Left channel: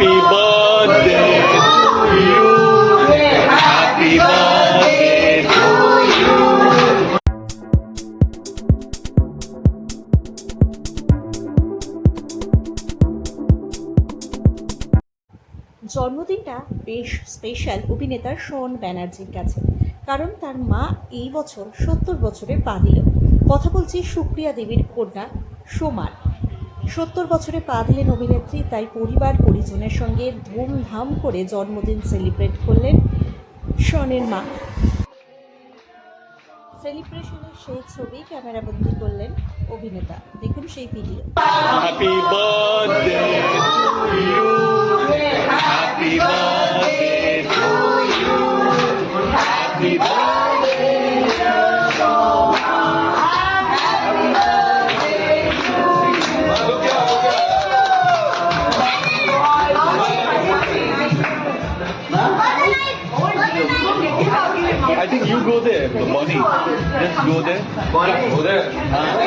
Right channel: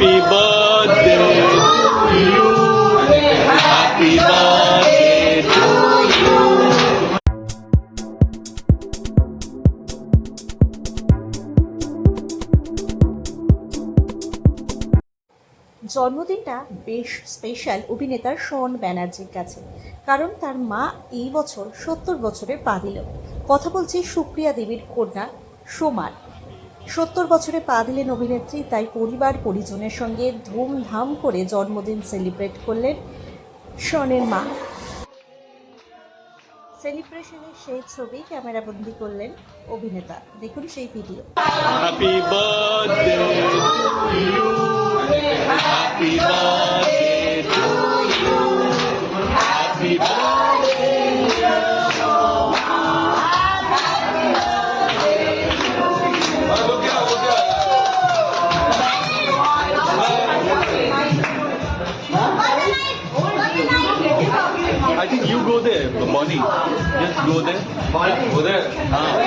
Happy birthday to you. Happy birthday to you. জন্মদিনটা বেশ special অভিনেতার শোন ব্যানার্জির কাছে, কারণ তার মা এই বছর সত্তর বছরে পা দিল কথা বলছি সুপ্রিয়া দেবীর কন্যা সোমার সত্তর বছরে পা দিলেন অভিনেত্রী, তাই পরিবার পরিজনের সঙ্গে ধুমধাম করে জন্মদিন সেলিব্রেট করলেন শনের মা। সেলিব্রেশনের সেই ছবি ক্যামেরাবন্দি করলেন অভিনেতা। দেখুন সেই video. Happy birthday I think you go there, the Bonnie. Just go there. Bonnie, go there. Ah.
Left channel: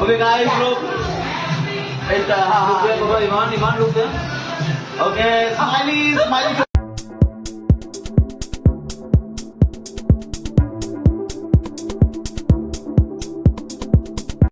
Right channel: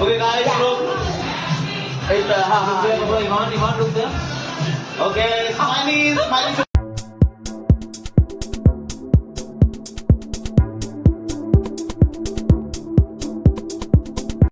Look. It's uh, Iman, Iman, look there. Okay, smiley, smiley.